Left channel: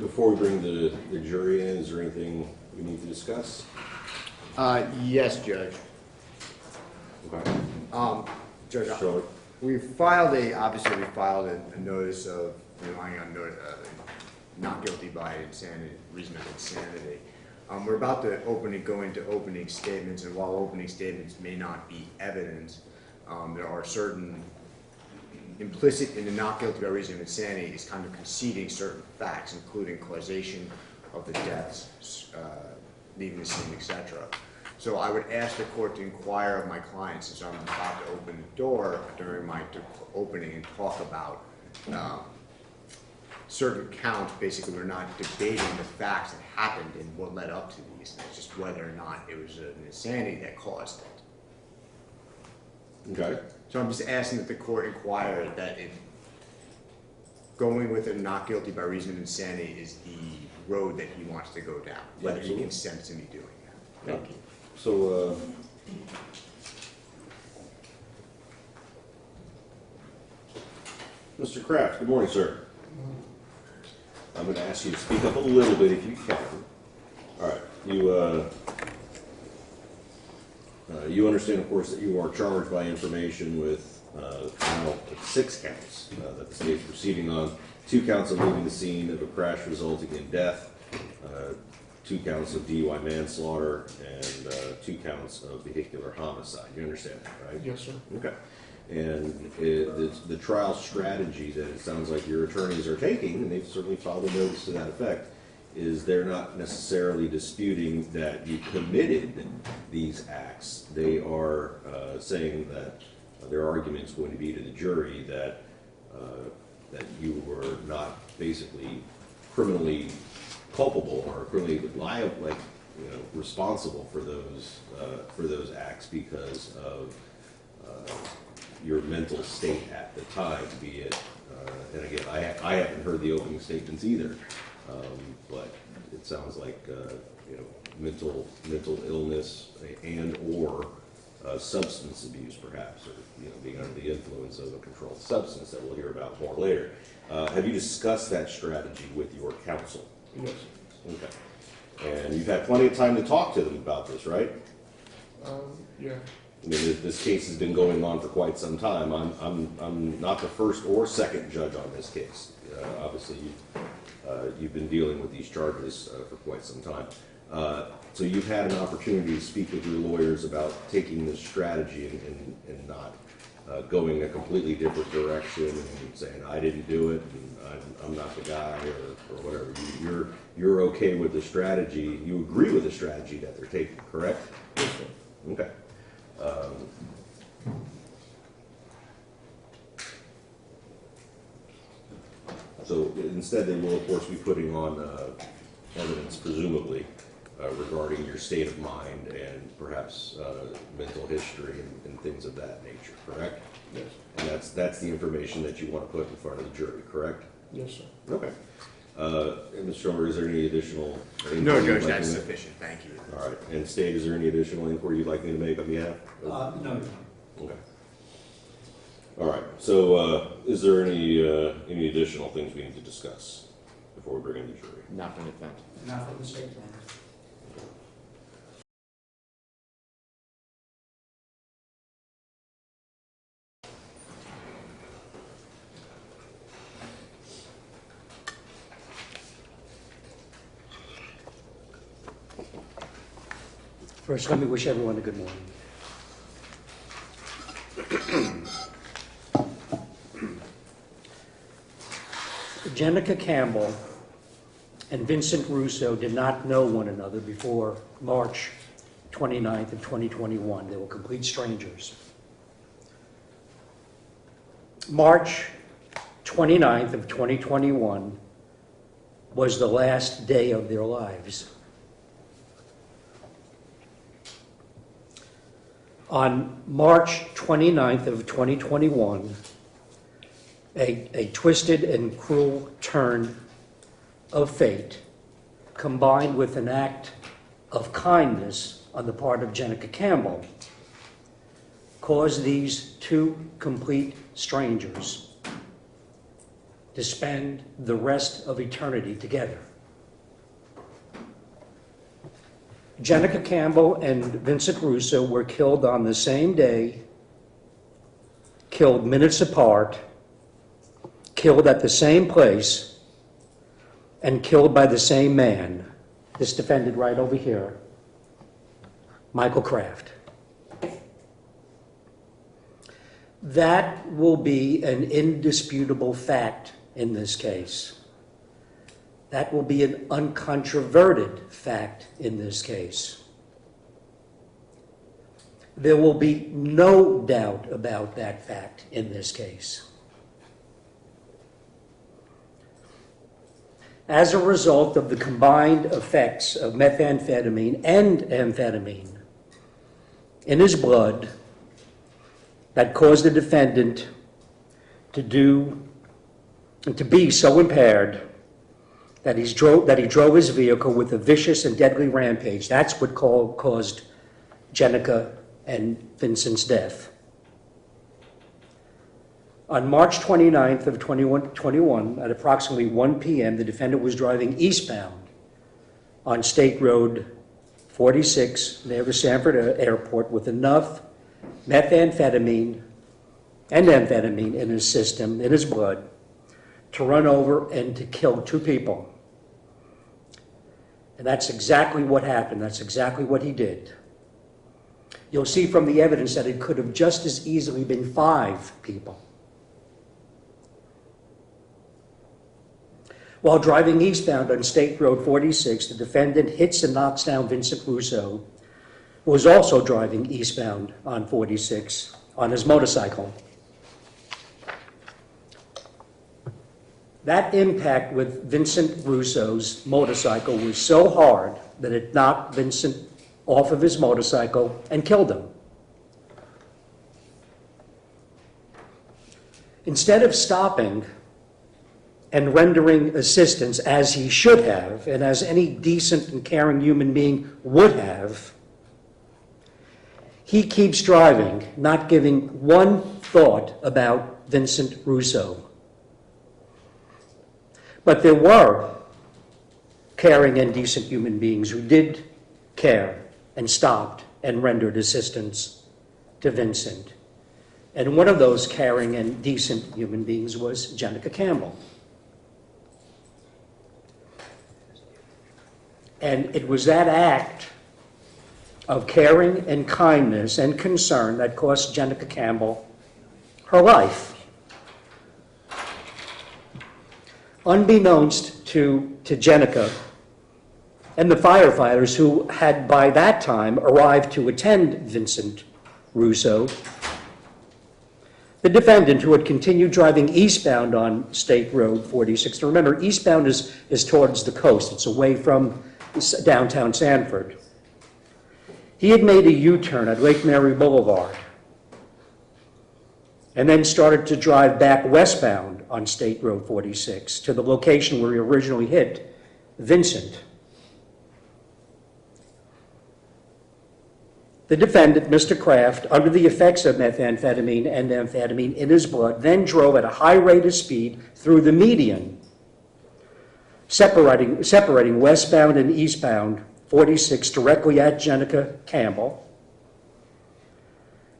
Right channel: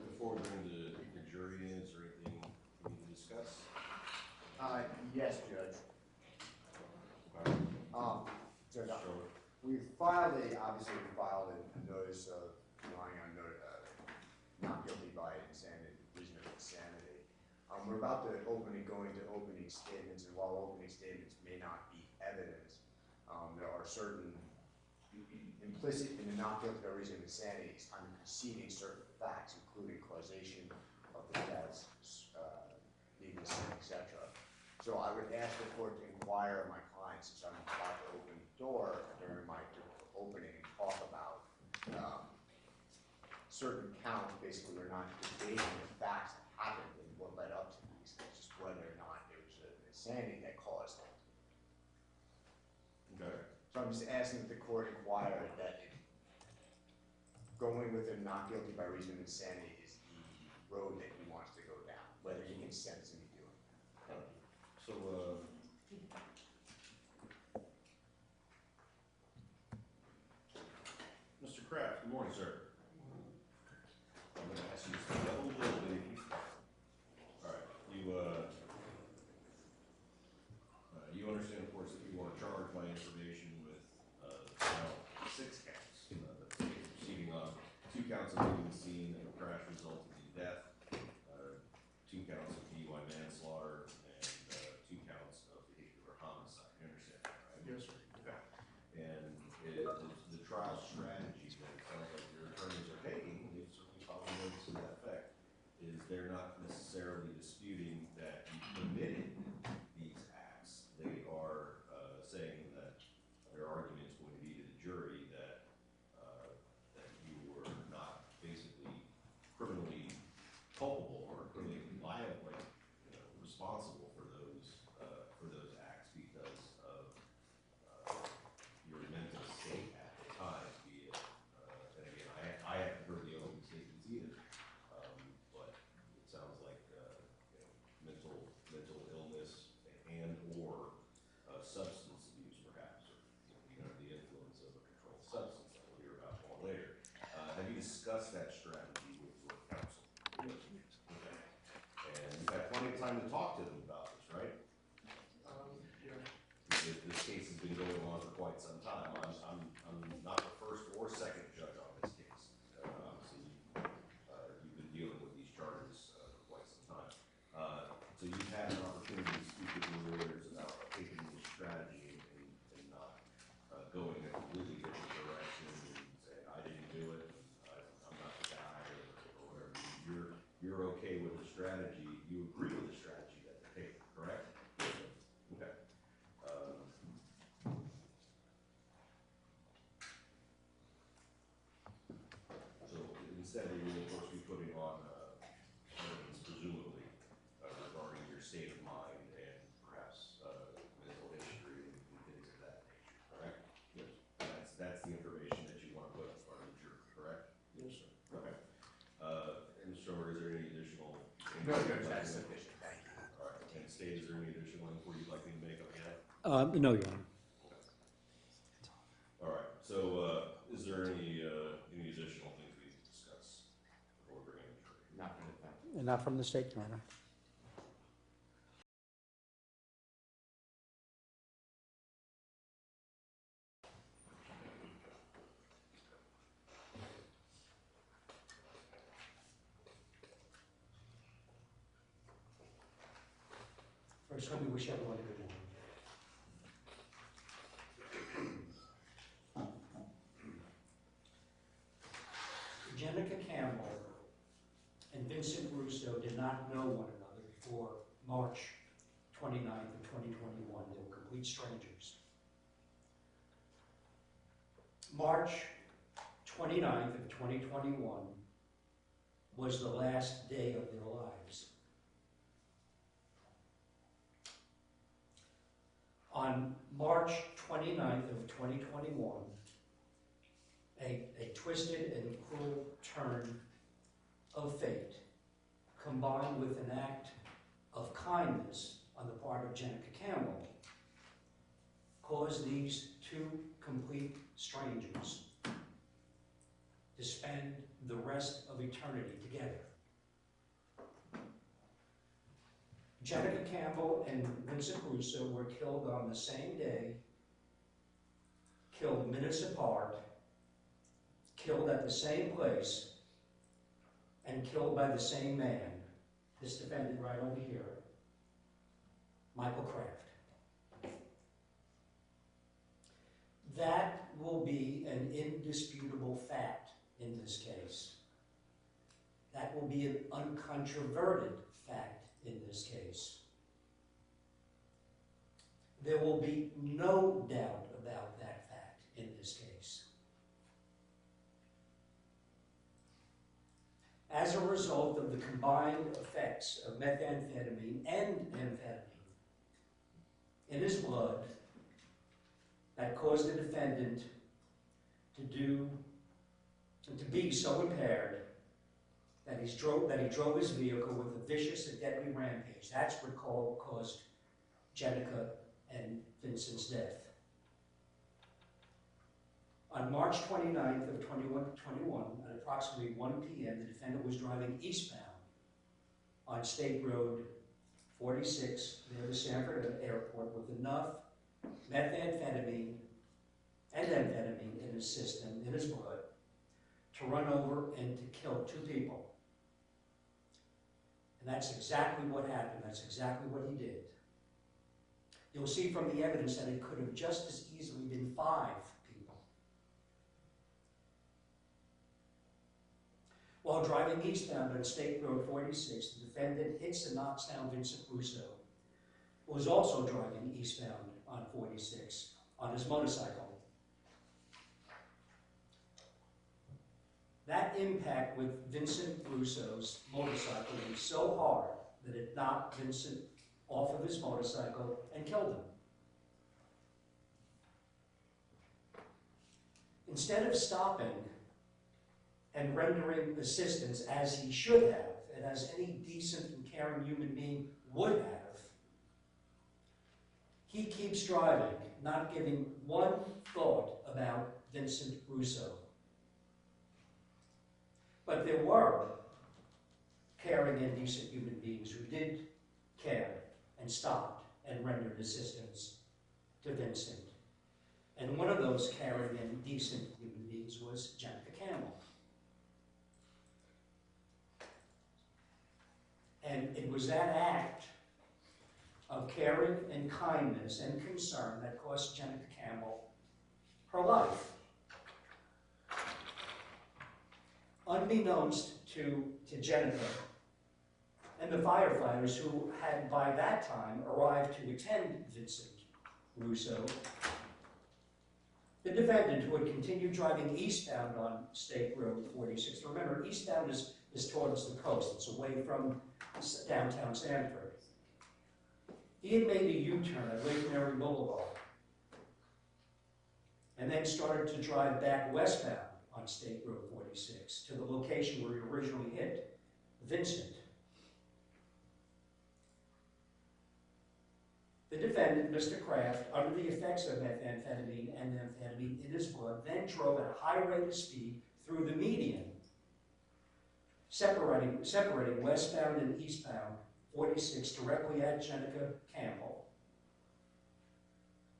Before we bring the jury in, is there anything we need to discuss? Yes, Judge. Okay. Judge, Sure. we filed a notice of relying on not guilty by insanity, reason of insanity. We're about to go into opening statements, and while opening statements may not be evidence, there are certain implicit in the not guilty by reason of insanity is kind of conceding certain facts, including causation of the deaths, leaving the scene, etc. So I would ask the court to inquire of my client, since I'm about to open the door during my opening, and talk about certain counts. Basically, we're not debating the facts that happened and what led up to these things, just whether or not it was an insanity that caused it. Okay. So I'm just asking that the court inquire that if going with a not guilty by reason of insanity is the road that he wants to go down, whether he consents to me doing that. Thank you. So, Mr. Kraft, good morning, sir. I'm going to ask you to speak up a little bit if you can. All right. You understand, of course, that you are charged by information with now 6 counts that the state is proceeding on. 2 counts of leaving the scene of a crash resulting in death, 2 counts of DUI manslaughter, and 2 counts of vehicular homicide. You understand that, right? Yes, sir. Okay. And the trial strategy that it sounds like your attorneys are taking, and they've certainly filed a notice to that effect, is they're not necessarily disputing that you committed these acts. They are saying that their argument is going to be to the jury that you were not basically criminally culpable or criminally liable, like, responsible for those acts because of your mental state at the time, be it, and again, I haven't heard the opening statements either, but it sounds like mental illness and or substance abuse, perhaps, or being under the influence of a controlled substance that we'll hear about more later. Have you discussed that strategy with your counsel? Yes. Okay. And you've had plenty of time to talk to them about this, right? Yeah. I mean, this case has been going on for quite some time. I'm not the first or second judge on this case. Obviously, you've been dealing with these charges for quite some time. So you've had an opportunity to speak with your lawyers about taking this strategy and not going a completely different direction and saying, I didn't do it, and I'm not the guy, or whatever. You're okay with the strategy. You agree with the strategy that they're taking, correct? Yes, sir. Okay. So instead, they will, of course, be putting on evidence, presumably, regarding your state of mind and perhaps mental history and things of that nature, correct? Yes. And that's the information that you want to put in front of the jury, correct? Yes, sir. Okay. And Mr. Stromer, is there any additional? No, Judge, that's sufficient. Thank you. All right. And State, is there any additional inquiry you'd like me to make on behalf? No, Your Honor. Okay. All right. So, is there any additional things we need to discuss before we bring in the jury? Not from the defense. Not from the state, Your Honor. First, let me wish everyone a good morning. Jenica Campbell and Vincent Russo did not know one another before March 29th of 2021. They were complete strangers. March 29th of 2021 was the last day of their lives. On March 29th of 2021, a twisted and cruel turn of fate, combined with an act of kindness on the part of Jenica Campbell, caused these 2 complete strangers to spend the rest of eternity together. Jenica Campbell and Vincent Russo were killed on the same day, killed minutes apart, killed at the same place, and killed by the same man, this defendant right over here, Michael Kraft. That will be an indisputable fact in this case. That will be an uncontroverted fact in this case. There will be no doubt about that fact in this case. As a result of the combined effects of methamphetamine and amphetamine in his blood that caused the defendant to be so impaired that he drove his vehicle with a vicious and deadly rampage. That's what caused Jenica and Vincent's death. On March 29th of 2021, at approximately 1 p.m., the defendant was driving eastbound on State Road 46 near the Sanford Airport with enough methamphetamine and amphetamine in his system, in his blood, to run over and to kill 2 people. And that's exactly what happened. That's exactly what he did. You'll see from the evidence that it could have just as easily been 5 people. While driving eastbound on State Road 46, the defendant hits and knocks down Vincent Russo, who was also driving eastbound on 46 on his motorcycle. That impact with Vincent Russo's motorcycle was so hard that it knocked Vincent off of his motorcycle and killed him. Instead of stopping and rendering assistance as he should have, and as any decent and caring human being would have, he keeps driving, not giving one thought about Vincent Russo. But there were caring and decent human beings who did care and stopped and rendered assistance to Vincent. And one of those caring and decent human beings was Jenica Campbell. And it was that act of caring and kindness and concern that cost Jenica Campbell her life. Unbeknownst to Jenica and the firefighters who had by that time arrived to attend Vincent Russo, the defendant, who had continued driving eastbound on State Road 46. Remember, eastbound is towards the coast. It's away from downtown Sanford. He had made a U-turn at Lake Mary Boulevard and then started to drive back westbound on State Road 46 to the location where he originally hit Vincent. The defendant, Mr. Kraft, under the effects of methamphetamine and amphetamine in his blood, then drove at a high rate of speed through the median, separating westbound and eastbound 46 directly at Jenica Campbell.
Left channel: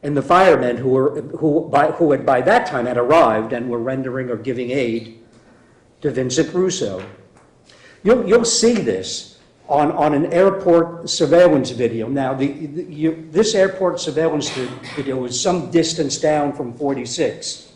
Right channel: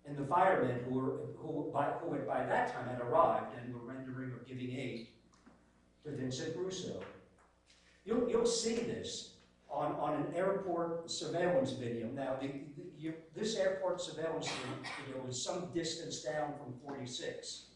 And the firemen who had by that time had arrived and were rendering or giving aid to Vincent Russo. You'll see this on an airport surveillance video. Now, this airport surveillance video is some distance down from 46.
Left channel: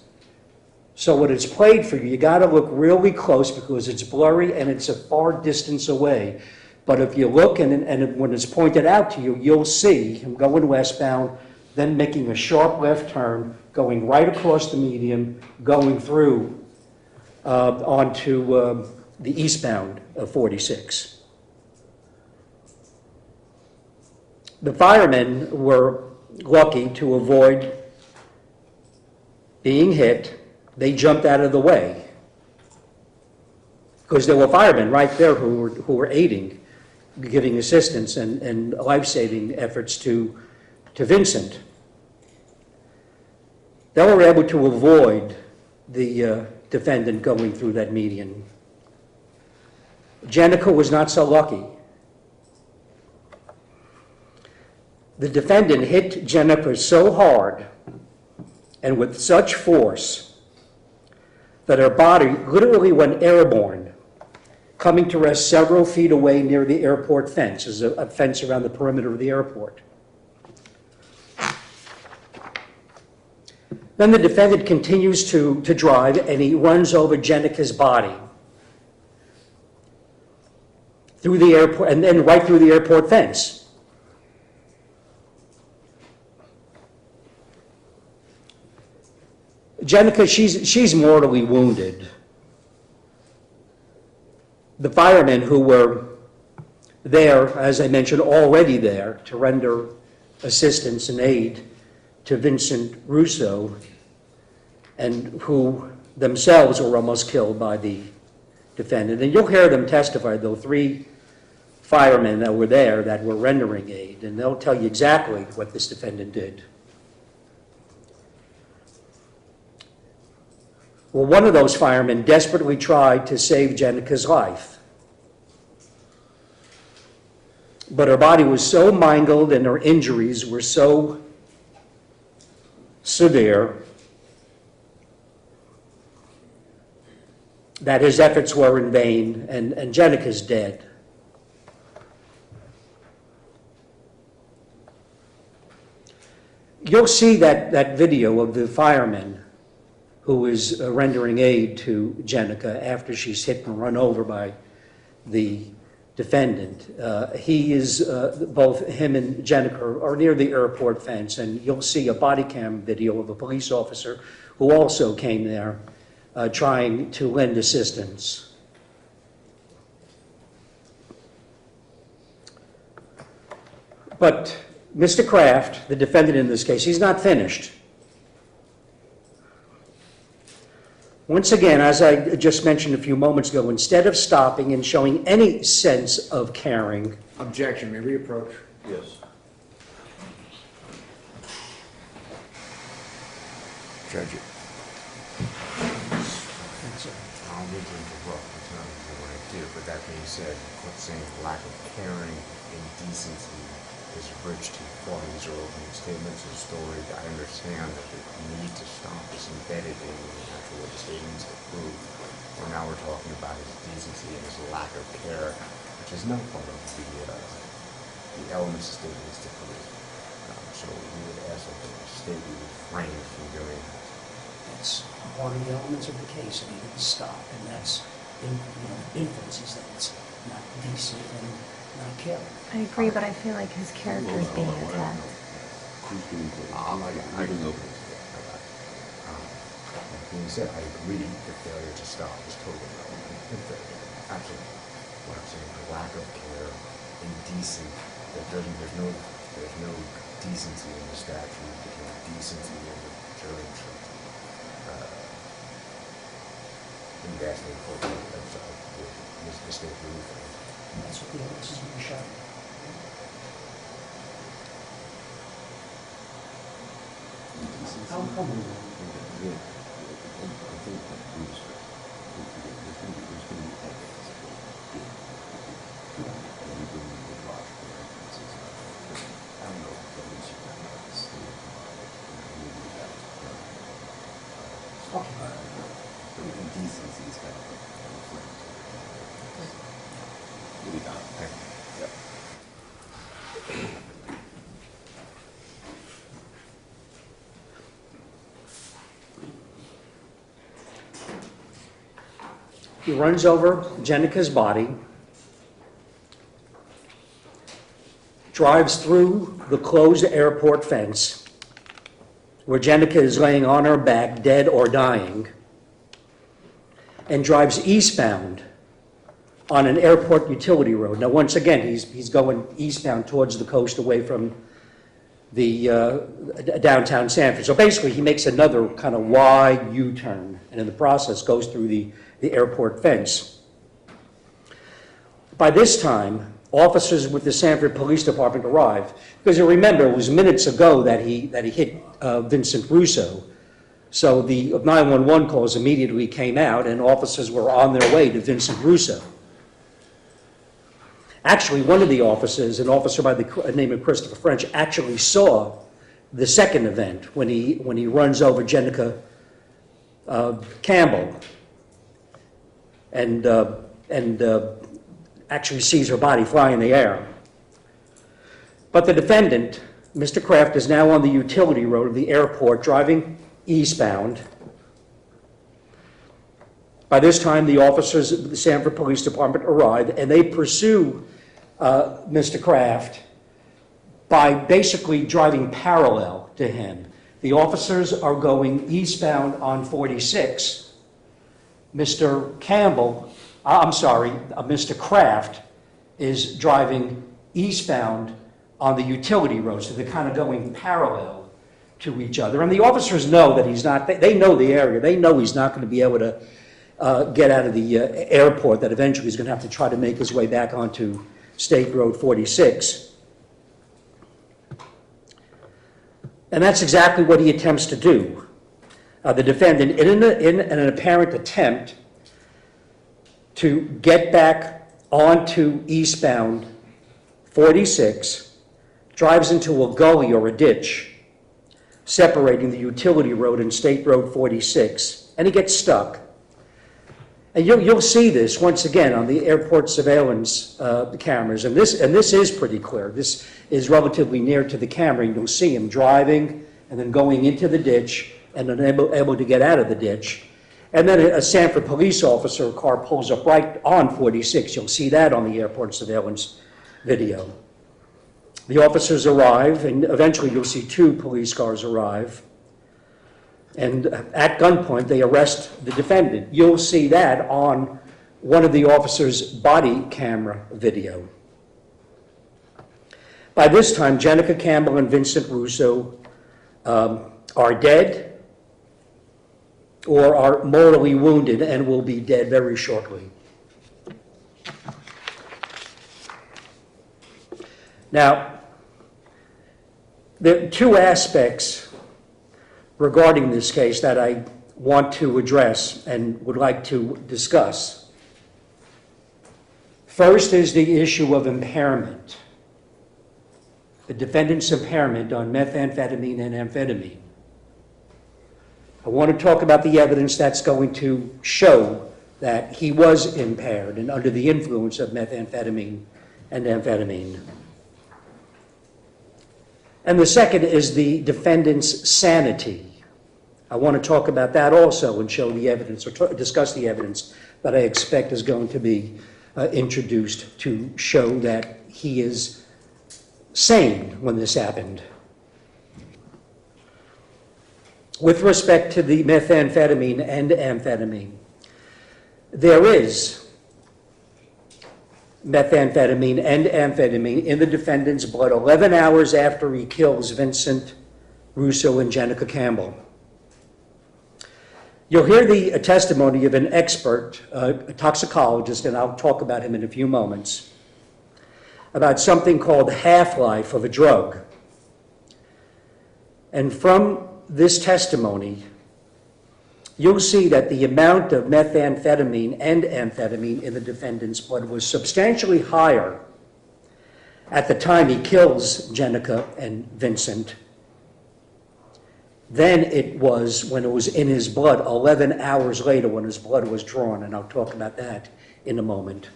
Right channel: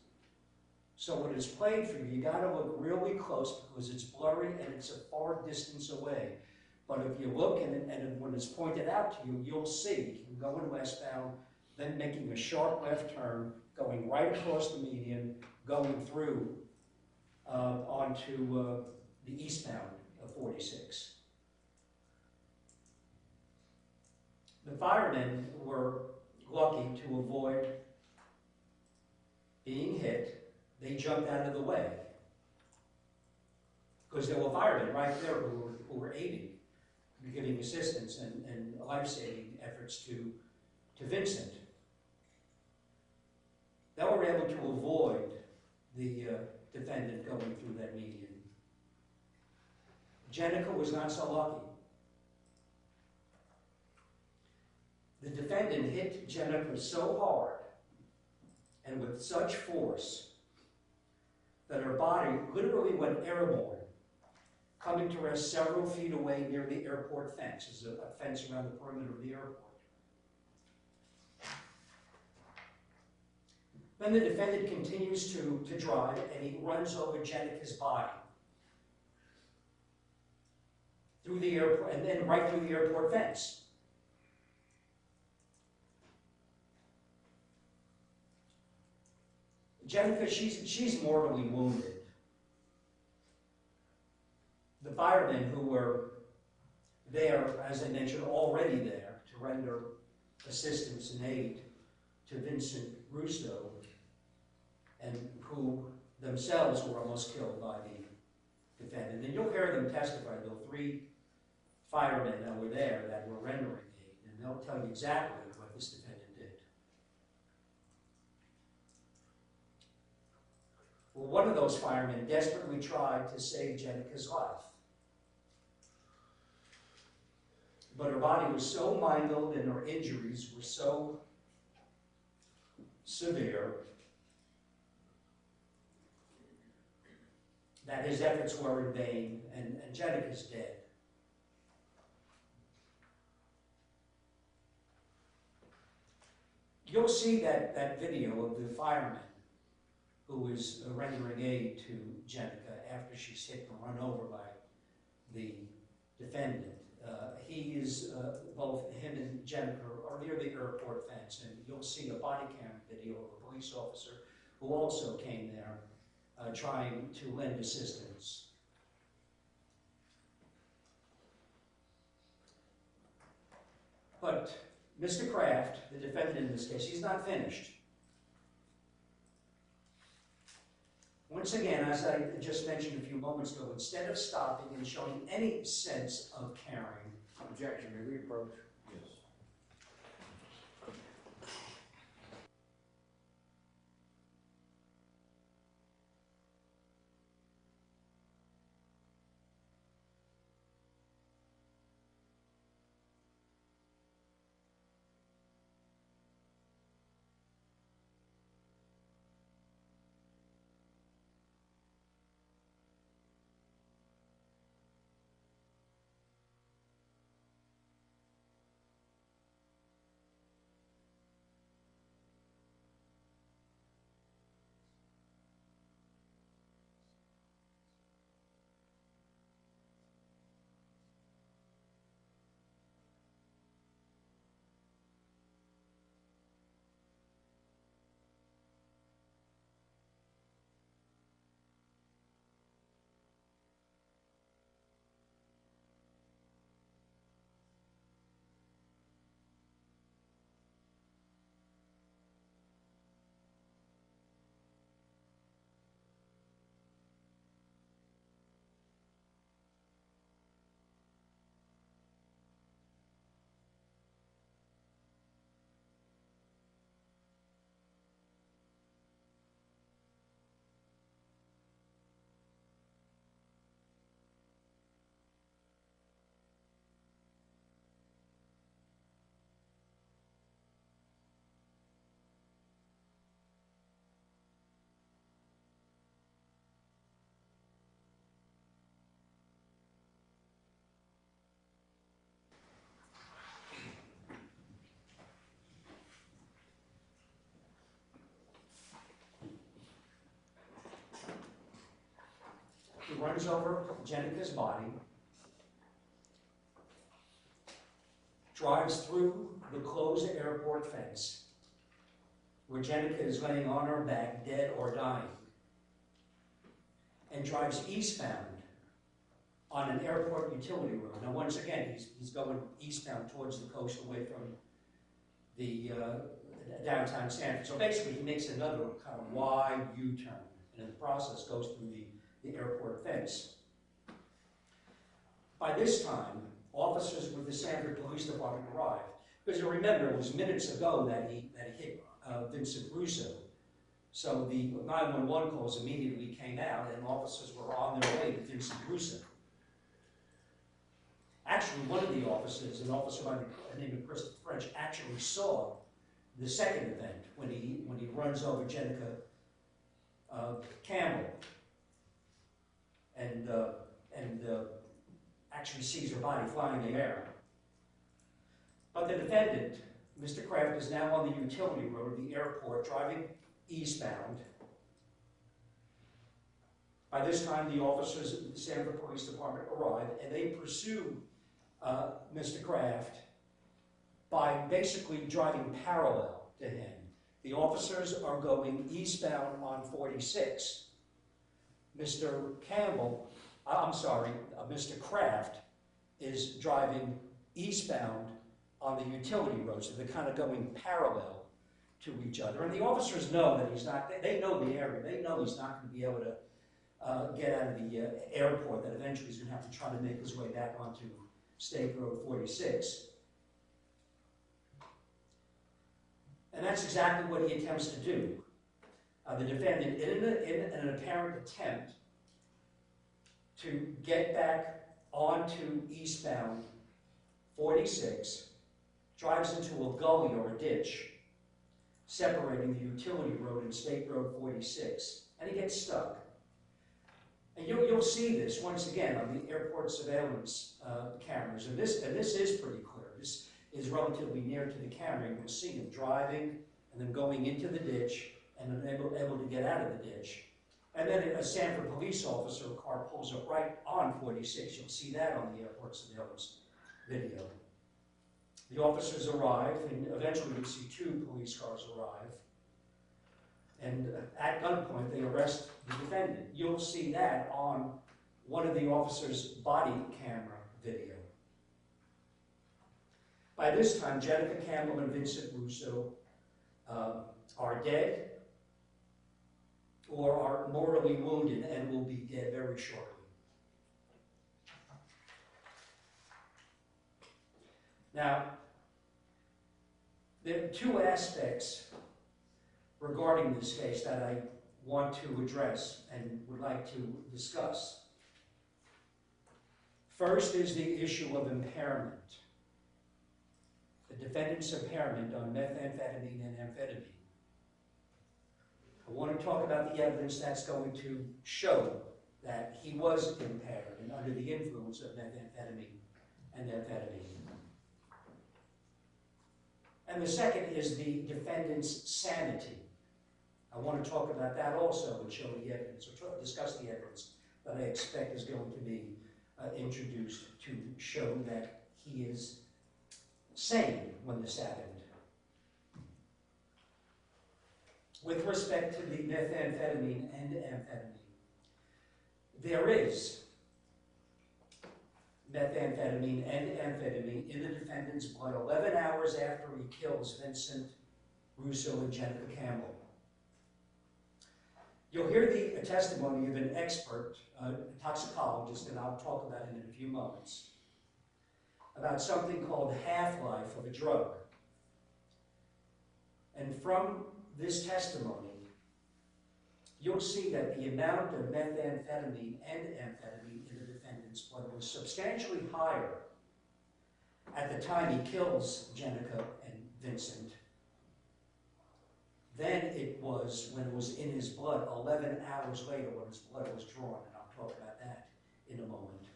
So when it's played for you, you got to look really close because it's blurry and it's a far distance away. But if you look and when it's pointed out to you, you'll see him going westbound, then making a sharp left turn, going right across the median, going through onto the eastbound of 46. The firemen were lucky to avoid being hit. They jumped out of the way because there were firemen right there who were aiding, giving assistance and life-saving efforts to Vincent. They were able to avoid the defendant going through that median. Jenica was not so lucky. the defendant hit Jennifer so hard and with such force that her body literally went airborne, coming to rest several feet away near the airport fence. There's a fence around the perimeter of the airport. Then the defendant continues to drive, and he runs over Jenica's body through the airport, and then right through the airport fence. Jenica, she's mortally wounded. The firemen who were there, as I mentioned, already there to render assistance and aid to Vincent Russo, and who themselves were almost killed by the defendant. And you'll hear them testify, though, 3 firemen that were there that were rendering aid, and they'll tell you exactly what this defendant did. Well, one of those firemen desperately tried to save Jenica's life. But her body was so mangled and her injuries were so severe that his efforts were in vain, and Jenica's dead. You'll see that video of the fireman who is rendering aid to Jenica after she's hit and run over by the defendant. Both him and Jenica are near the airport fence, and you'll see a body cam video of a police officer who also came there trying to lend assistance. But Mr. Kraft, the defendant in this case, he's not finished. Once again, as I just mentioned a few moments ago, instead of stopping and showing any sense of caring, Objection, may we approach? Yes. Judge it. I don't mean to interrupt, it's not what I do, but that being said, what's saying lack of caring and decency is a bridge too far. These are opening statements and stories. I understand that the need to stop is embedded in actually what the statements have proved. Well, now we're talking about his decency and his lack of care, which is not part of the elements of statements to prove. So we would ask that the state be refrained from doing that. that's one of the elements of the case, and he didn't stop, and that's, inferences that it's not decent and not caring. I agree, but I feel like his character is being attacked. I can open it. That being said, I agree the failure to stop is totally relevant. Absolutely. What I'm saying, the lack of care, indecent, there's no decency in the statute, there's no decency in the jury instruction. And that's the important, that's the state rule. That's what the evidence is being shown. How move on? He runs over Jenica's body, drives through the closed airport fence, where Jenica is laying on her back, dead or dying, and drives eastbound on an airport utility road. Now, once again, he's going eastbound towards the coast, away from the downtown Sanford. So basically, he makes another kind of wide U-turn, and in the process goes through the airport fence. By this time, officers with the Sanford Police Department arrive, because you remember it was minutes ago that he hit Vincent Russo. So the 911 calls immediately came out, and officers were on their way to Vincent Russo. Actually, one of the officers, an officer by the name of Christopher French, actually saw the second event when he runs over Jenica Campbell and actually sees her body fly in the air. But the defendant, Mr. Kraft, is now on the utility road of the airport driving eastbound. By this time, the officers of the Sanford Police Department arrive, and they pursue Mr. Kraft by basically driving parallel to him. The officers are going eastbound on 46. Mr. Kraft is driving eastbound on the utility road, so they're kind of going parallel to each other. And the officers know that he's not, they know the area, they know he's not going to be able to get out of the airport, that eventually he's going to have to try to make his way back onto State Road 46. And that's exactly what he attempts to do. The defendant, in an apparent attempt to get back onto eastbound 46, drives into a gully or a ditch separating the utility road and State Road 46, and he gets stuck. And you'll see this once again on the airport surveillance cameras, and this is pretty clear. This is relatively near to the camera. You'll see him driving and then going into the ditch and then able to get out of the ditch. And then a Sanford police officer car pulls up right on 46. You'll see that on the airport surveillance video. The officers arrive, and eventually you'll see 2 police cars arrive. And at gunpoint, they arrest the defendant. You'll see that on one of the officers' body camera video. By this time, Jenica Campbell and Vincent Russo are dead or are mortally wounded and will be dead very shortly. Now, there are 2 aspects regarding this case that I want to address and would like to discuss. First is the issue of impairment, the defendant's impairment on methamphetamine and amphetamine. I want to talk about the evidence that's going to show that he was impaired and under the influence of methamphetamine and amphetamine. And the second is the defendant's sanity. I want to talk about that also and show the evidence, or discuss the evidence that I expect is going to be introduced to show that he is sane when this happened. With respect to the methamphetamine and amphetamine, there is methamphetamine and amphetamine in the defendant's blood 11 hours after he kills Vincent Russo and Jenica Campbell. You'll hear the testimony of an expert, a toxicologist, and I'll talk about him in a few moments, about something called the half-life of a drug. And from this testimony, you'll see that the amount of methamphetamine and amphetamine in the defendant's blood was substantially higher at the time he kills Jenica and Vincent than it was when it was in his blood 11 hours later when his blood was drawn, and I'll talk about that in a moment.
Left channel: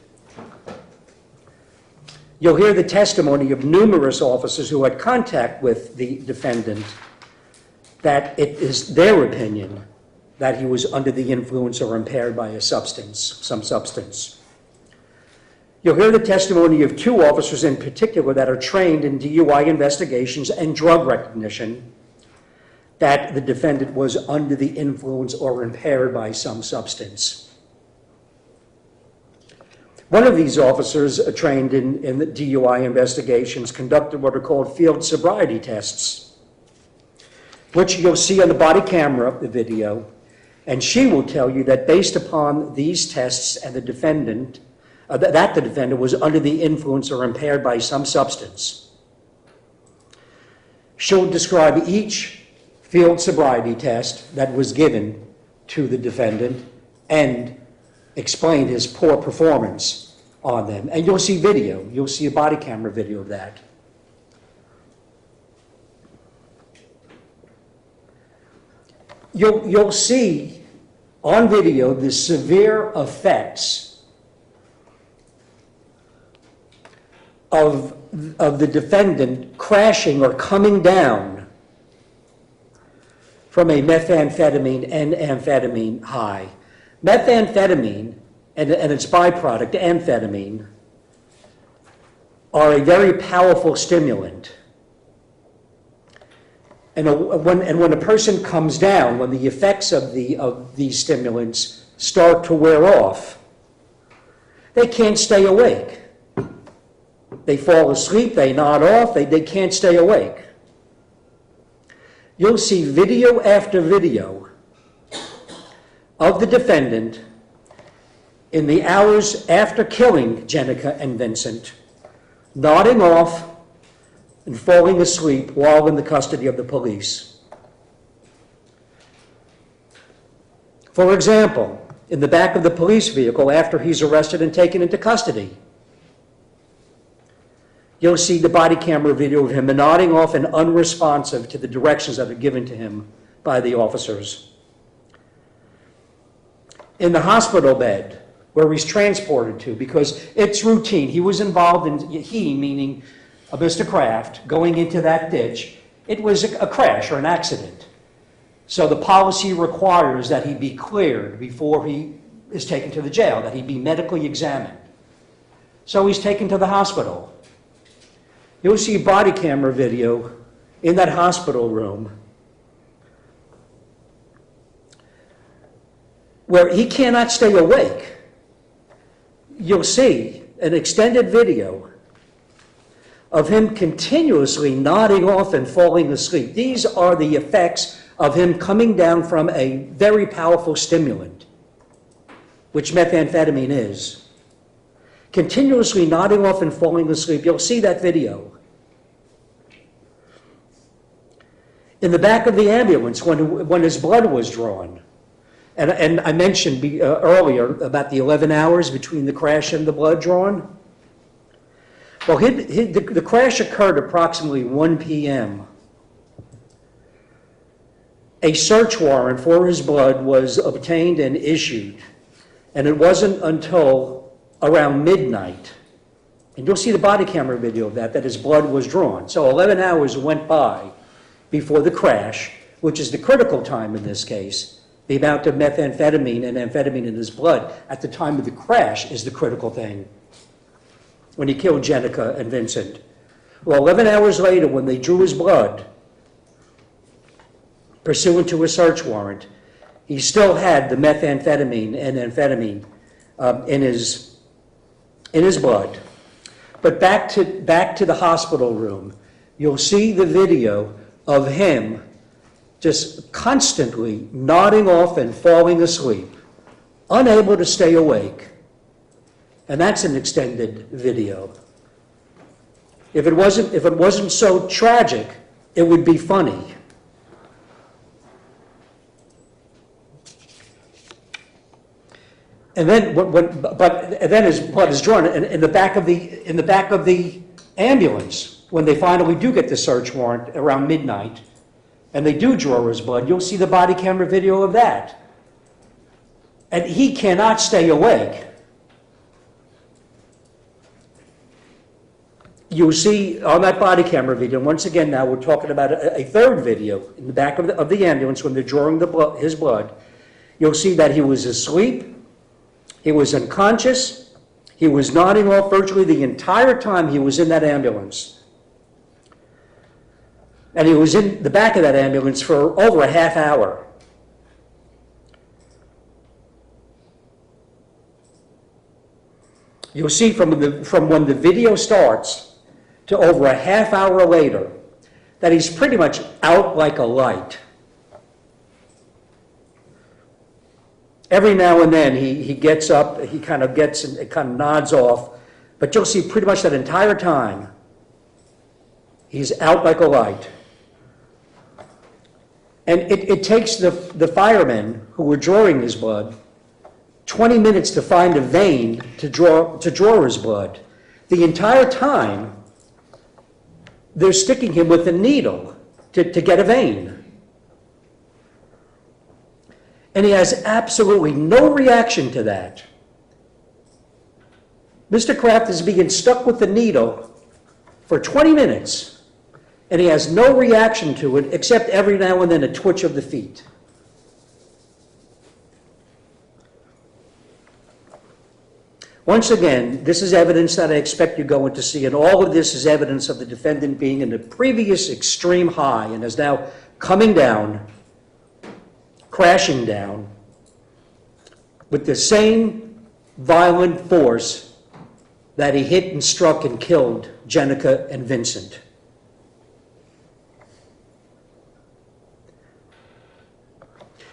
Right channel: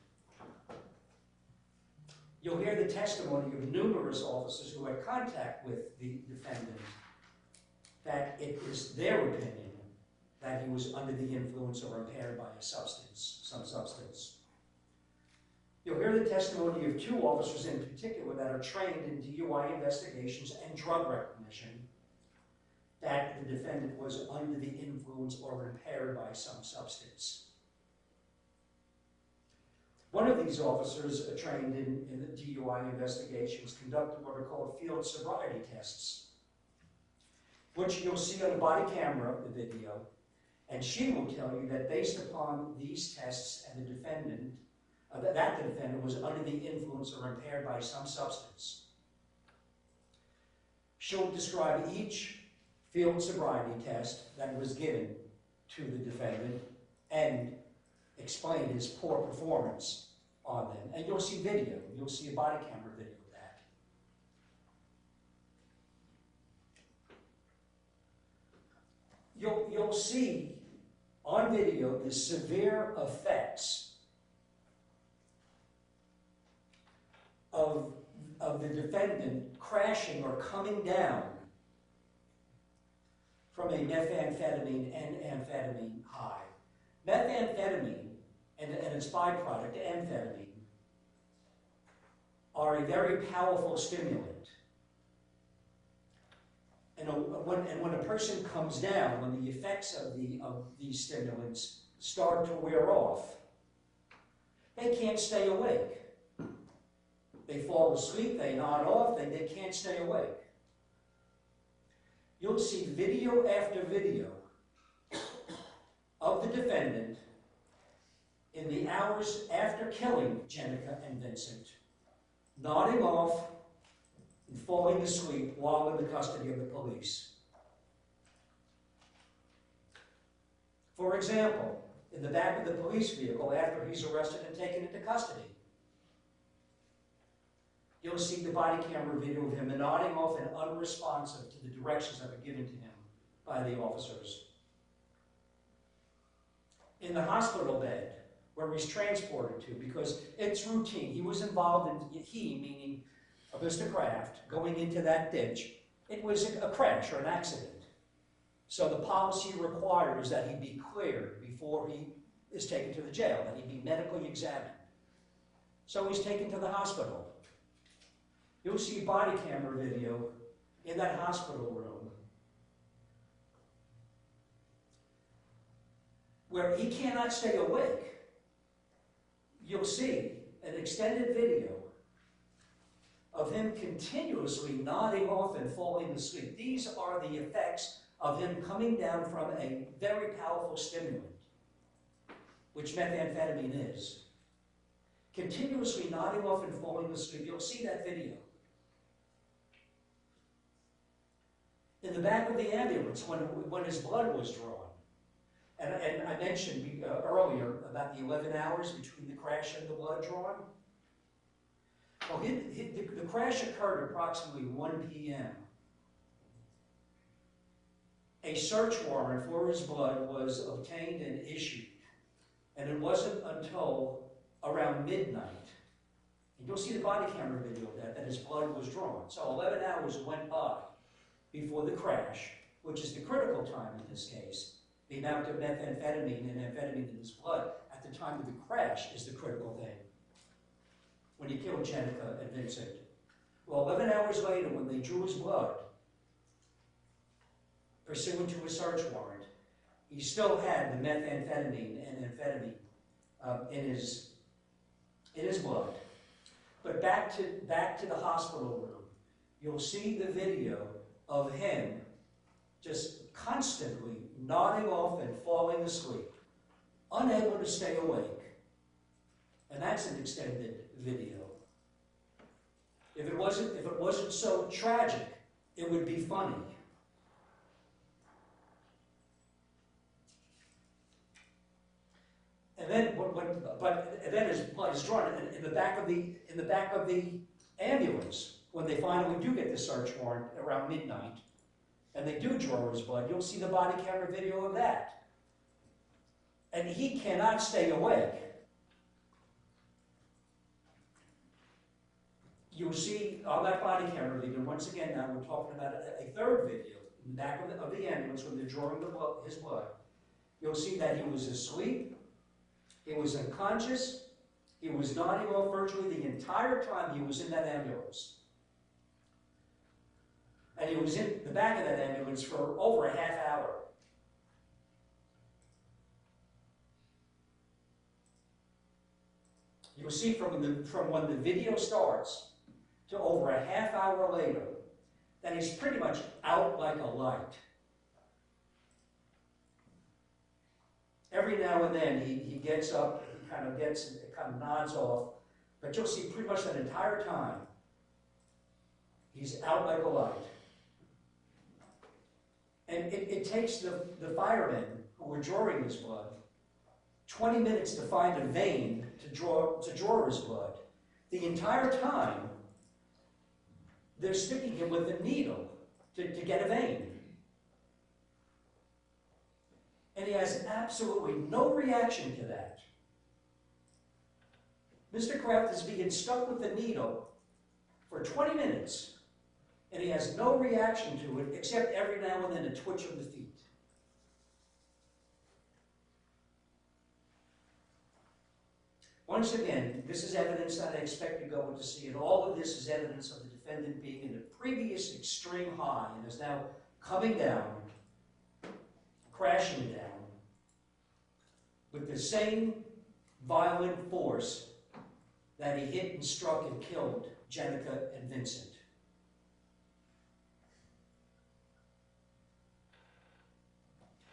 You'll hear the testimony of numerous officers who had contact with the defendant that it is their opinion that he was under the influence or impaired by a substance, some substance. You'll hear the testimony of 2 officers in particular that are trained in DUI investigations and drug recognition that the defendant was under the influence or impaired by some substance. One of these officers trained in the DUI investigations conducted what are called field sobriety tests, which you'll see on the body camera of the video, and she will tell you that based upon these tests and the defendant, that the defendant was under the influence or impaired by some substance. She'll describe each field sobriety test that was given to the defendant and explain his poor performance on them. And you'll see video. You'll see a body camera video of that. You'll see on video the severe effects of the defendant crashing or coming down from a methamphetamine and amphetamine high. Methamphetamine and its byproduct, amphetamine, are a very powerful stimulant. And when a person comes down, when the effects of these stimulants start to wear off, they can't stay awake. They fall asleep, they nod off, they can't stay awake. You'll see video after video of the defendant in the hours after killing Jenica and Vincent, nodding off and falling asleep while in the custody of the police. For example, in the back of the police vehicle after he's arrested and taken into custody, you'll see the body camera video of him nodding off and unresponsive to the directions that are given to him by the officers. In the hospital bed, where he's transported to, because it's routine. He was involved in, he meaning Mr. Kraft, going into that ditch. It was a crash or an accident. So the policy requires that he be cleared before he is taken to the jail, that he be medically examined. So he's taken to the hospital. You'll see body camera video in that hospital room where he cannot stay awake. You'll see an extended video of him continuously nodding off and falling asleep. These are the effects of him coming down from a very powerful stimulant, which methamphetamine is. Continuously nodding off and falling asleep. You'll see that video. In the back of the ambulance, when his blood was drawn, and I mentioned earlier about the 11 hours between the crash and the blood drawn. Well, the crash occurred approximately 1 p.m. A search warrant for his blood was obtained and issued, and it wasn't until around midnight, and you'll see the body camera video of that his blood was drawn. So 11 hours went by before the crash, which is the critical time in this case. The amount of methamphetamine and amphetamine in his blood at the time of the crash is the critical thing when he killed Jenica and Vincent. Well, 11 hours later, when they drew his blood, pursuant to a search warrant, he still had the methamphetamine and amphetamine in his blood. But back to the hospital room, you'll see the video of him just constantly nodding off and falling asleep, unable to stay awake. And that's an extended video. If it wasn't so tragic, it would be funny. And then, then his blood is drawn in the back of the ambulance when they finally do get the search warrant around midnight. And they do draw his blood, you'll see the body camera video of that. And he cannot stay awake. You'll see on that body camera video, once again now we're talking about a third video in the back of the ambulance when they're drawing his blood. You'll see that he was asleep, he was unconscious, he was nodding off virtually the entire time he was in that ambulance. And he was in the back of that ambulance for over a half hour. You'll see from when the video starts to over a half hour later that he's pretty much out like a light. Every now and then he gets up, he kind of nods off, but you'll see pretty much that entire time he's out like a light. And it takes the firemen who were drawing his blood 20 minutes to find a vein to draw his blood. The entire time, they're sticking him with a needle to get a vein. And he has absolutely no reaction to that. Mr. Kraft is being stuck with the needle for 20 minutes, and he has no reaction to it except every now and then a twitch of the feet. Once again, this is evidence that I expect you're going to see, and all of this is evidence of the defendant being in the previous extreme high and is now coming down, crashing down, with the same violent force that he hit and struck and killed Jenica and Vincent.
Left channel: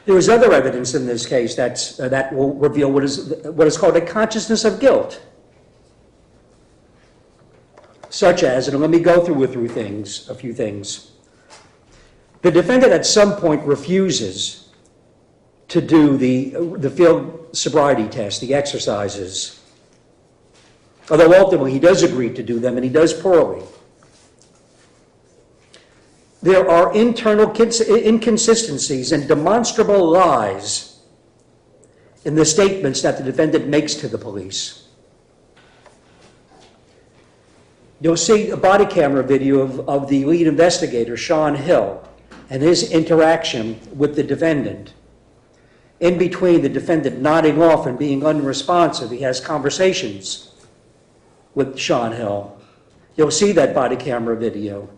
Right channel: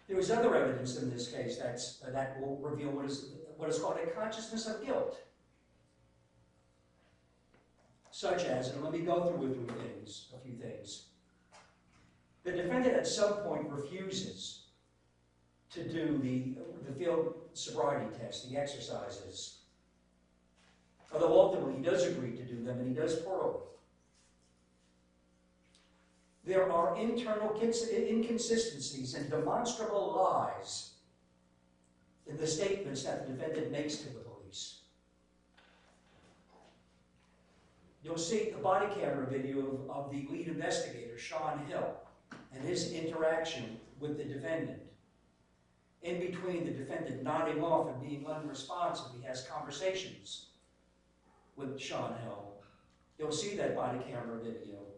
There is other evidence in this case that will reveal what is called a consciousness of guilt, such as, and let me go through a few things. The defendant at some point refuses to do the field sobriety test, the exercises, although ultimately he does agree to do them, and he does poorly. There are internal inconsistencies and demonstrable lies in the statements that the defendant makes to the police. You'll see a body camera video of the lead investigator, Sean Hill, and his interaction with the defendant. In between the defendant nodding off and being unresponsive, he has conversations with Sean Hill. You'll see that body camera video.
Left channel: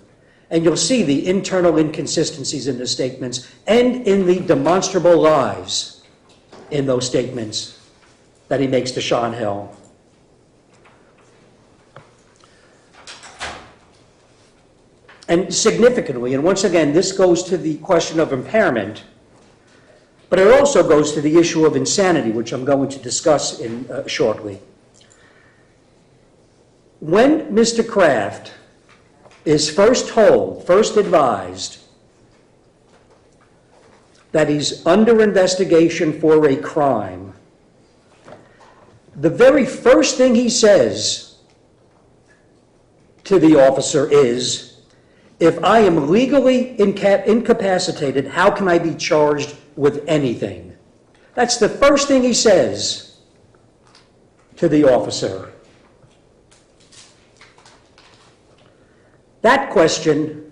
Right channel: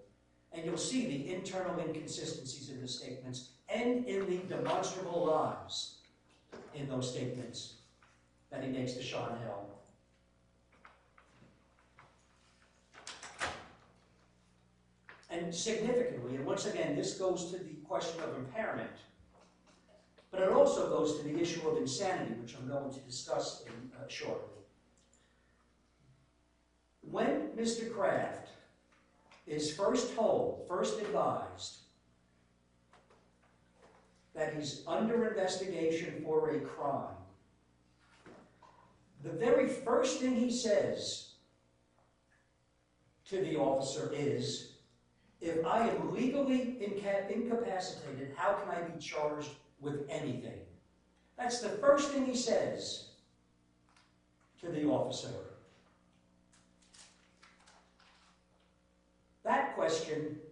And you'll see the internal inconsistencies in the statements and in the demonstrable lies in those statements that he makes to Sean Hill. And significantly, and once again, this goes to the question of impairment, but it also goes to the issue of insanity, which I'm going to discuss shortly. When Mr. Kraft is first advised that he's under investigation for a crime, the very first thing he says to the officer is, if I am legally incapacitated, how can I be charged with anything? That's the first thing he says to the officer. That question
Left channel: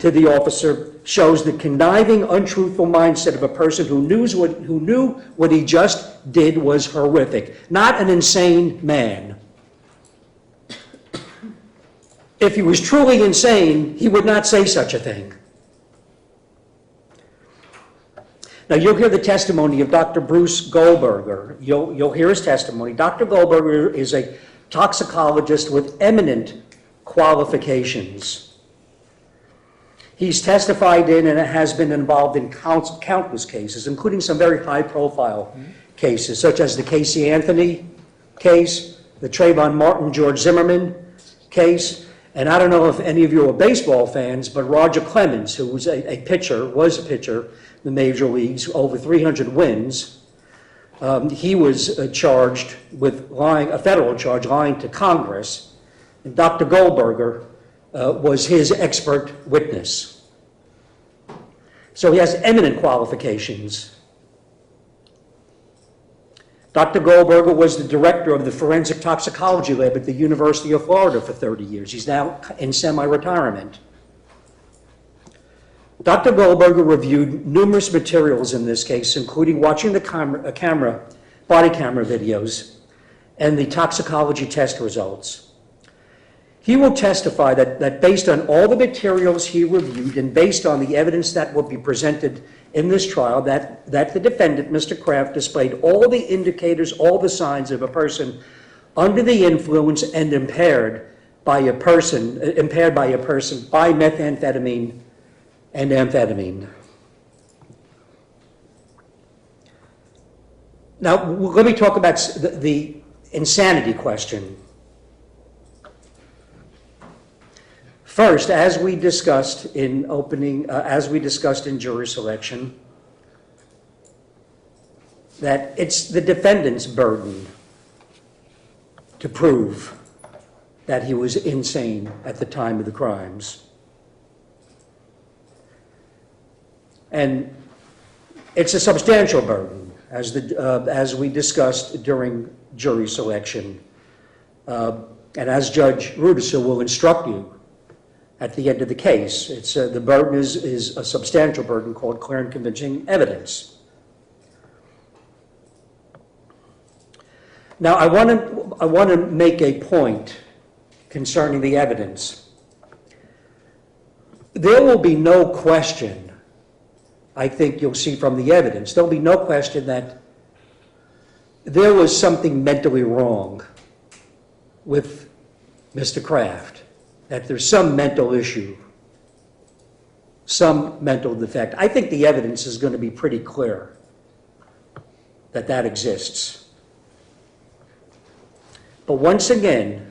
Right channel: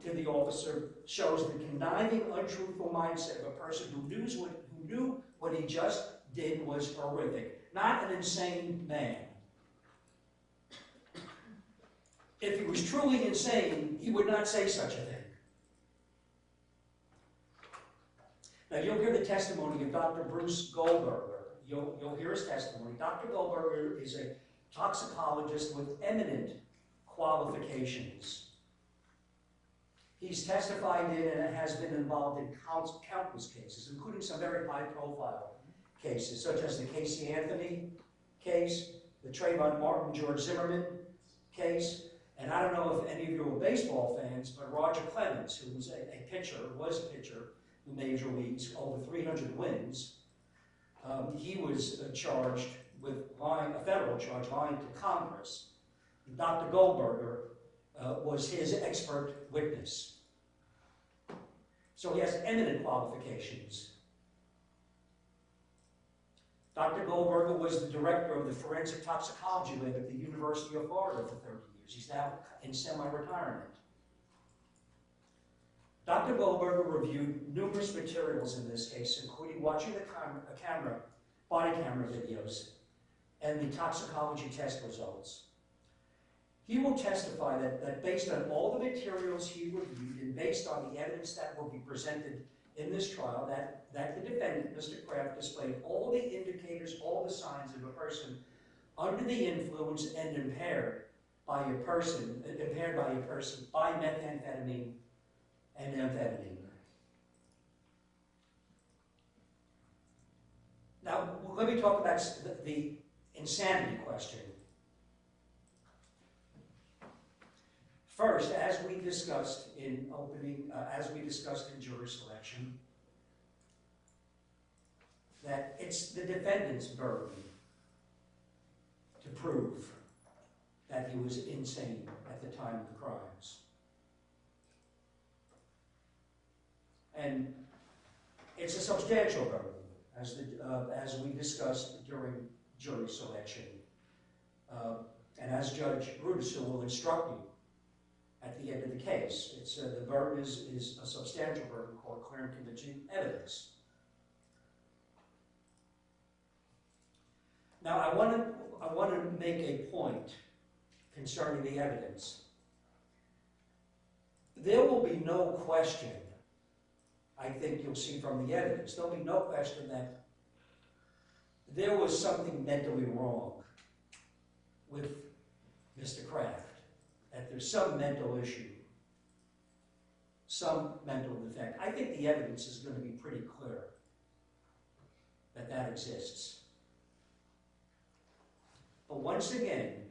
to the officer shows the conniving, untruthful mindset of a person who knew what he just did was horrific, not an insane man. If he was truly insane, he would not say such a thing. Now, you'll hear the testimony of Dr. Bruce Goldberger. You'll hear his testimony. Dr. Goldberger is a toxicologist with eminent qualifications. He's testified in and has been involved in countless cases, including some very high-profile cases, such as the Casey Anthony case, the Trayvon Martin, George Zimmerman case, and I don't know if any of you are baseball fans, but Roger Clemens, who was a pitcher in the major leagues, over 300 wins, he was charged with a federal charge, lying to Congress. And Dr. Goldberger was his expert witness. So he has eminent qualifications. Dr. Goldberger was the director of the forensic toxicology lab at the University of Florida for 30 years. He's now in semi-retirement. Dr. Goldberger reviewed numerous materials in this case, including watching the body camera videos and the toxicology test results. He will testify that based on all the materials he reviewed and based on the evidence that will be presented in this trial, that the defendant, Mr. Kraft, displayed all the indicators, all the signs of a person under the influence and impaired by methamphetamine and amphetamine. Now, let me talk about the insanity question. First, as we discussed in jury selection, that it's the defendant's burden to prove that he was insane at the time of the crimes. And it's a substantial burden, as we discussed during jury selection. And as Judge Rudicer will instruct you at the end of the case, the burden is a substantial burden called clear and convincing evidence. Now, I want to make a point concerning the evidence. There will be no question, I think you'll see from the evidence, there'll be no question that there was something mentally wrong with Mr. Kraft, that there's some mental issue, some mental defect. I think the evidence is going to be pretty clear that that exists. But once again,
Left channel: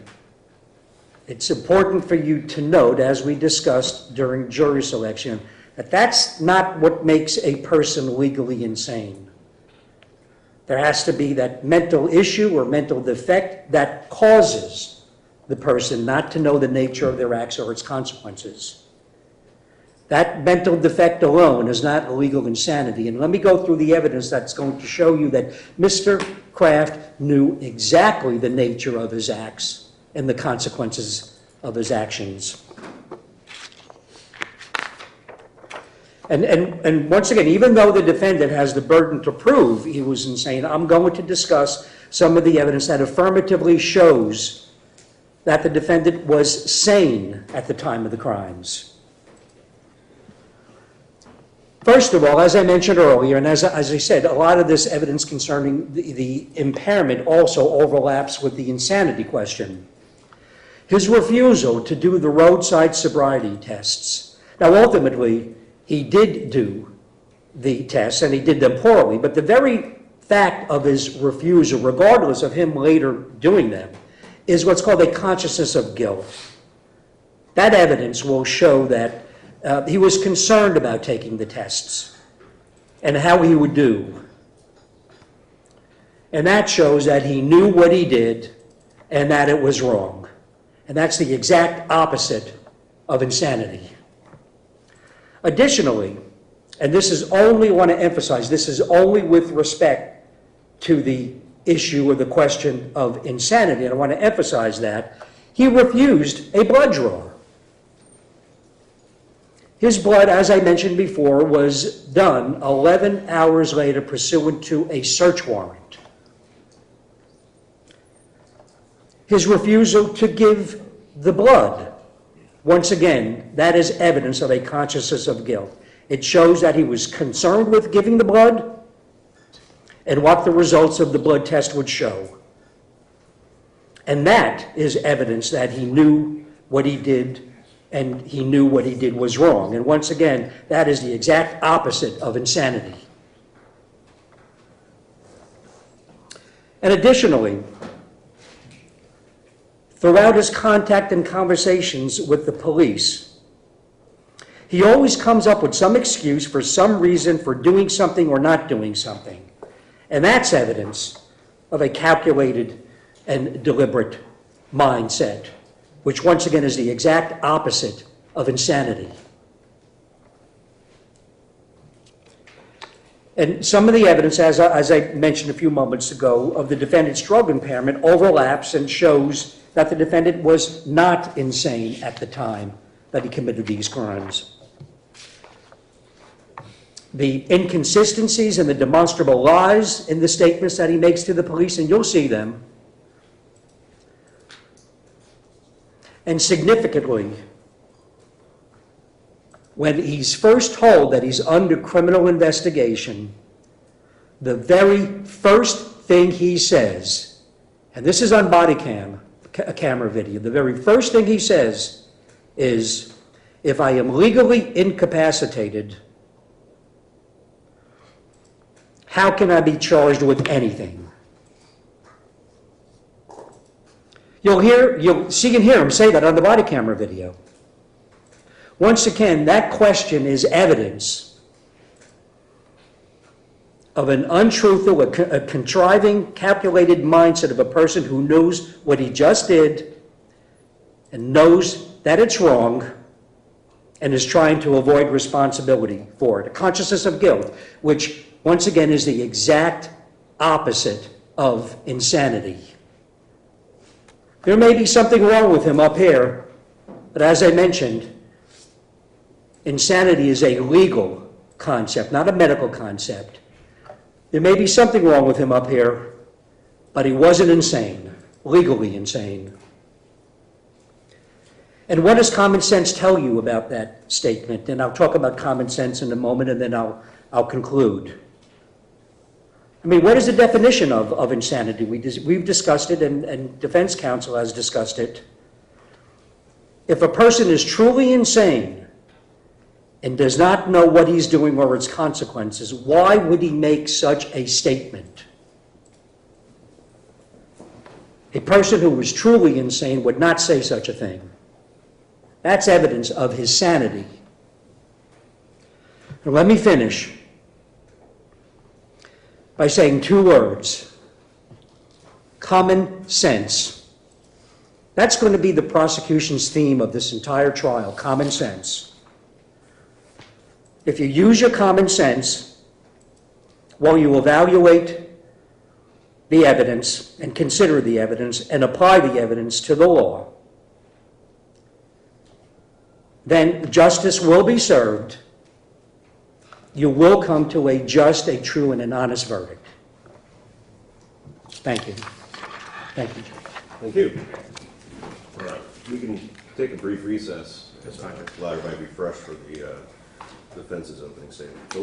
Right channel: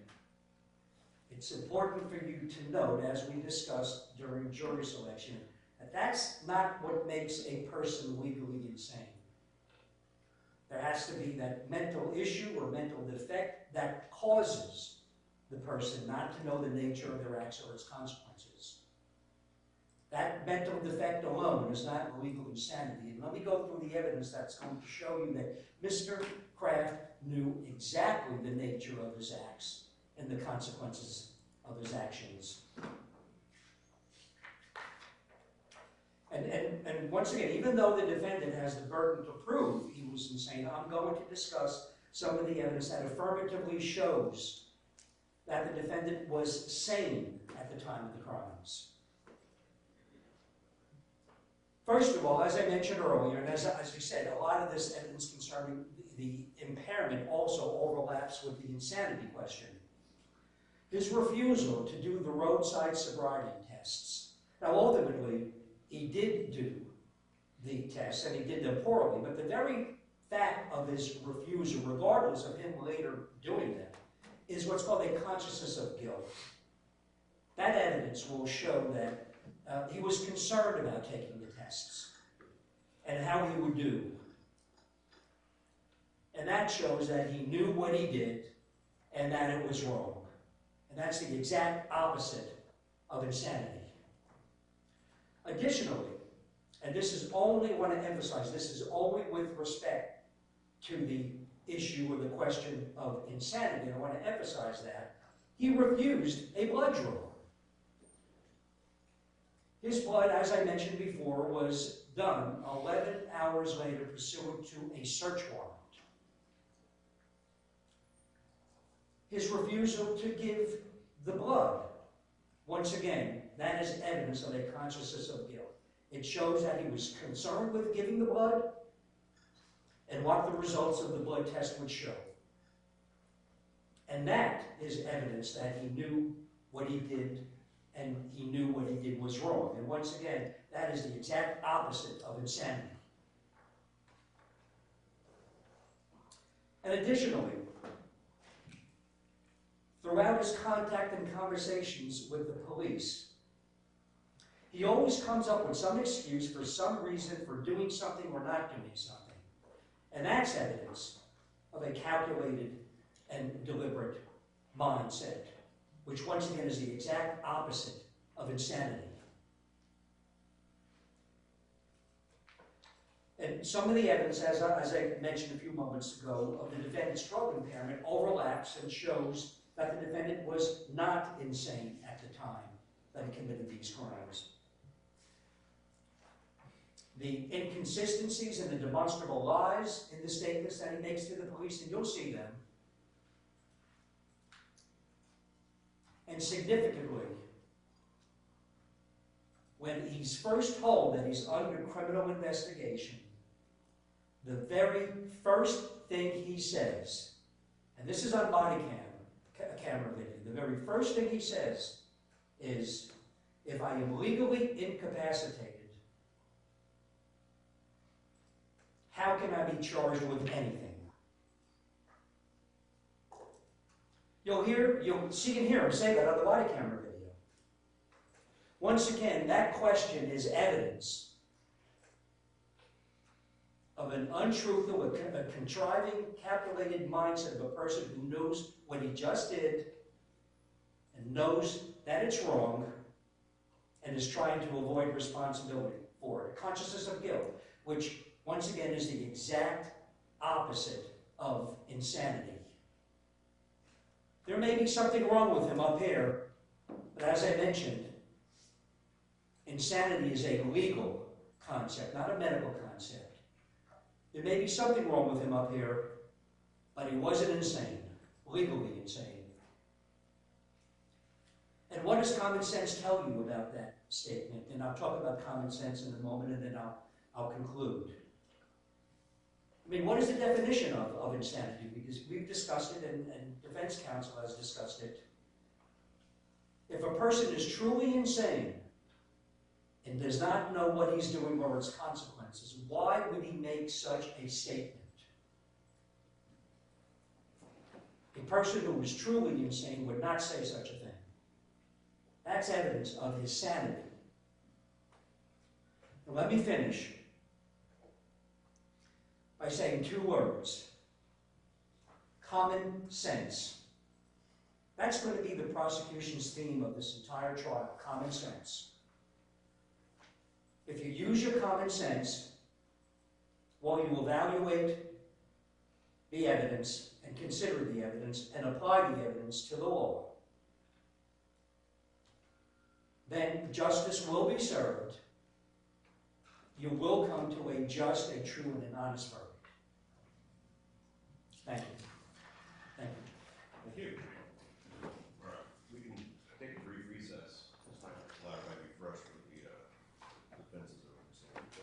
it's important for you to note, as we discussed during jury selection, that that's not what makes a person legally insane. There has to be that mental issue or mental defect that causes the person not to know the nature of their acts or its consequences. That mental defect alone is not legal insanity. And let me go through the evidence that's going to show you that Mr. Kraft knew exactly the nature of his acts and the consequences of his actions. And once again, even though the defendant has the burden to prove he was insane, I'm going to discuss some of the evidence that affirmatively shows that the defendant was sane at the time of the crimes. First of all, as I mentioned earlier, and as I said, a lot of this evidence concerning the impairment also overlaps with the insanity question. His refusal to do the roadside sobriety tests. Now, ultimately, he did do the tests, and he did them poorly, but the very fact of his refusal, regardless of him later doing them, is what's called a consciousness of guilt. That evidence will show that he was concerned about taking the tests and how he would do. And that shows that he knew what he did and that it was wrong. And that's the exact opposite of insanity. Additionally, and this is only, I want to emphasize, this is only with respect to the issue or the question of insanity, and I want to emphasize that, he refused a blood draw. His blood, as I mentioned before, was done 11 hours later pursuant to a search warrant. His refusal to give the blood, once again, that is evidence of a consciousness of guilt. It shows that he was concerned with giving the blood and what the results of the blood test would show. And that is evidence that he knew what he did and he knew what he did was wrong. And once again, that is the exact opposite of insanity. And additionally, throughout his contact and conversations with the police, he always comes up with some excuse for some reason for doing something or not doing something. And that's evidence of a calculated and deliberate mindset, which once again is the exact opposite of insanity. And some of the evidence, as I mentioned a few moments ago, of the defendant's drug impairment overlaps and shows that the defendant was not insane at the time that he committed these crimes. The inconsistencies and the demonstrable lies in the statements that he makes to the police, and you'll see them. And significantly, when he's first told that he's under criminal investigation, the very first thing he says, and this is on body camera video, the very first thing he says is, if I am legally incapacitated, how can I be charged with anything? You'll see and hear him say that on the body camera video. Once again, that question is evidence of an untruthful, a contriving, calculated mindset of a person who knows what he just did and knows that it's wrong and is trying to avoid responsibility for it. A consciousness of guilt, which once again is the exact opposite of insanity. There may be something wrong with him up here, but as I mentioned, insanity is a legal concept, not a medical concept. There may be something wrong with him up here, but he wasn't insane, legally insane. And what does common sense tell you about that statement? And I'll talk about common sense in a moment, and then I'll conclude. I mean, what is the definition of insanity? We've discussed it, and defense counsel has discussed it. If a person is truly insane and does not know what he's doing or its consequences, why would he make such a statement? A person who was truly insane would not say such a thing. That's evidence of his sanity. Now, let me finish by saying two words: common sense. That's going to be the prosecution's theme of this entire trial, common sense. If you use your common sense while you evaluate the evidence and consider the evidence and apply the evidence to the law, then justice will be served. You will come to a just, a true, and an honest verdict. Thank you. Thank you. Thank you. All right, we can take a brief recess. That's fine. Allow everybody to be fresh for the defense's opening statement. So